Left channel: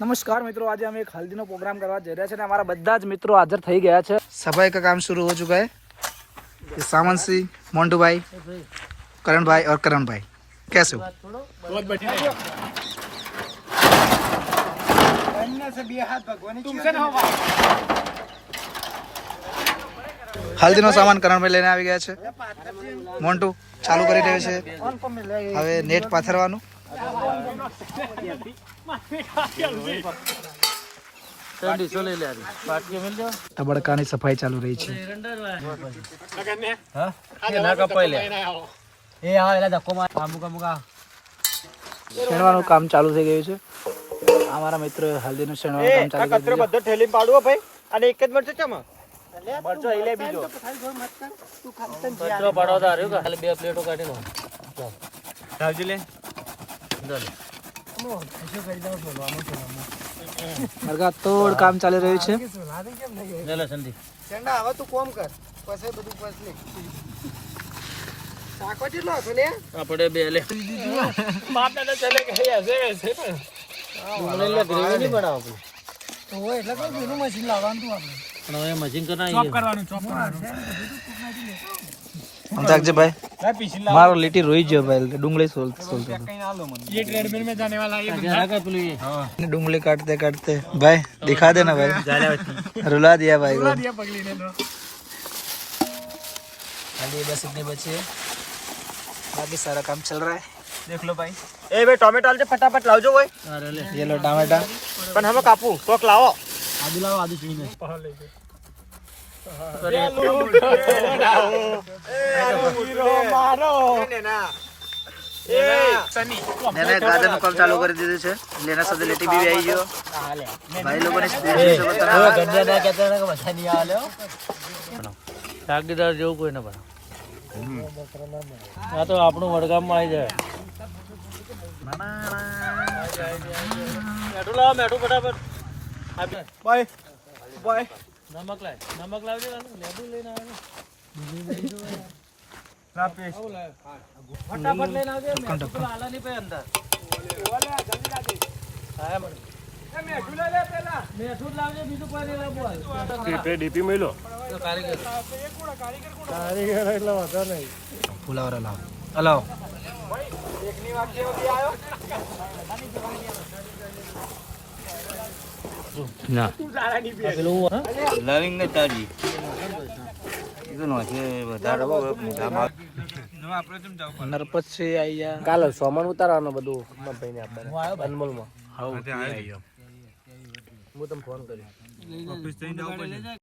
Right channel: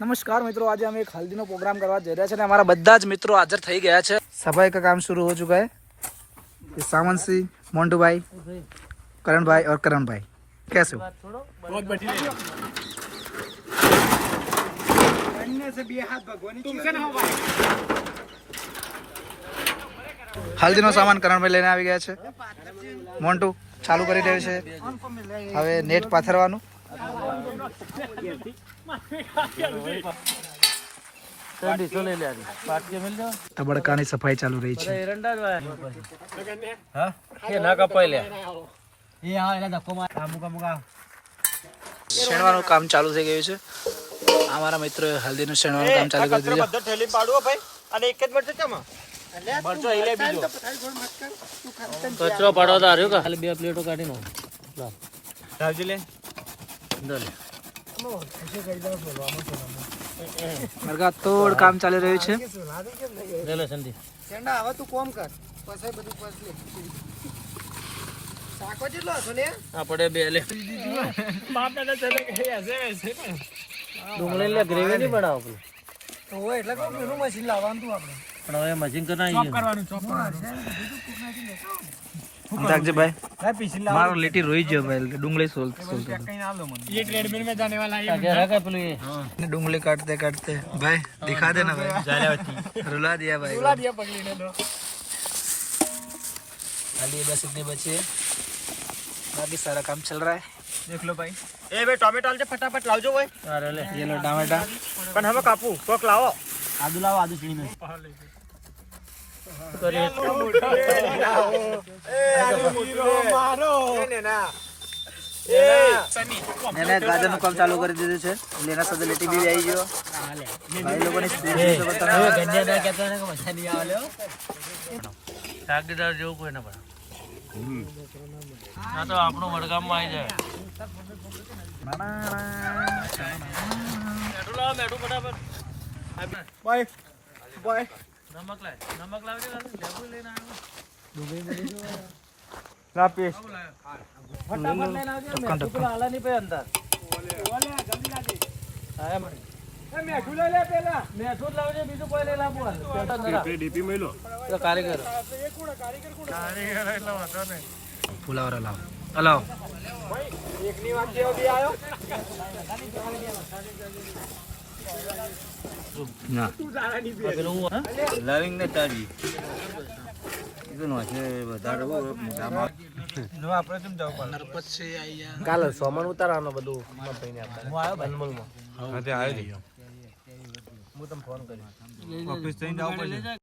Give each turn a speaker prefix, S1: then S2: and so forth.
S1: નમસ્કાર મિત્રો, આજે અમે એક હલ્દીનો પ્રોગ્રામ કરવા જઈ રહ્યા છે અને અમારા બધા જ મિત્રો હાજર થઈ ગયા છે. સફાઈ का काम शुरू हो चुका है सावन सिंह मोन्टू भाई करण भाई और करण भाई कैसे हो बहुत बढ़िया હલ્દીનો સામાન કરણભાઈ લઈને આવી ગયા છે. મોન્ટુ ચાલુ કરી રહ્યો છે. હવે નેટ પાથરવાનું. તબડકાની સફાઈ ચાલુ રહી છે શેણવાનું કામ ચાલુ થઈ ગયું છે અમારા મિત્ર હલ્દીનું શેણવાનું કામ ચાલુ કરી દીધું
S2: થેલી પાડવો ભાઈ અને એક જ મળશે ચમા
S3: કચરો પાડવા તો બે પ્લેટો કાઢી લો
S2: લે
S1: મરઘા તોડ કામ ચાલી રહ્યું છે.
S3: લે લે સંધી
S2: ચંડા હવે તું કોમ કર. પછી બધું પછી શાકો કેટલો હતો ને?
S3: આપણે બે લે. ડુંગળી લે ગ્રેવી નહીં બનાવતું.
S2: તો હોય એટલે કોઈ મશીન લાવવાનું તું આપણે.
S3: પણ હવે મશીન
S2: કરવાનું ચોપ કરવાનું.
S1: भाई मारो लिट्टी रोई जो भाई डूंगली सोलते सोलते
S2: ये ट्रेडमिल में जाने वाला
S3: ये
S1: डूंगली काटते काटते भाई दिखा देना भाई रुला दिया भाई को खाली बस इतने बचे बाकी सारा काम चल रहा है
S2: देख लो भाई ए भाई टोमेटो आलजे फटाफट लाओ जो भाई
S3: अरे ले
S1: ये लो टोमेटो
S2: पण
S3: हम कापू तो लाओ आदू
S2: लाओ आदू चीनी
S1: में નેના ગાર્ડનનું કામ ચાલુ કરી દીધું છે. લેના સાથે બી આવી ગયો. ભાઈ
S3: મજા નહીં આલ્યો જેવું કોઈ ન પણ આ તો આપણું વડગામમાં આવી જાય. મેઠું લાવો મેઠું ફટાફટ.
S2: બાય બાય
S3: નમક લાવ નમક લાવજો લીંબુ લઈને આવ્યો
S2: ના. પીસ
S3: ફટાફટ લઈને આવજો
S1: ઢક્કન ઢક્કન
S3: આલા નહીં પે અંદર. આયા બરાબર. મેઠું જ. લાવજો બીજું કોઈ નહીં લાવવું હાલ.
S2: ડીપી મેલો
S3: તો કારીગર.
S2: કારીગર એટલે વાંધો નહીં.
S1: ફુલાવરા લાવો. હલાવો
S2: એકની વાત જેવો બી આવ્યો
S3: ના. લવિંગ ને
S1: આયા
S2: કાલે સોમાન ઉતારવાનું બધું
S3: હું આવ્યો ભાઈ?
S2: હું તમને ફોન કર્યો.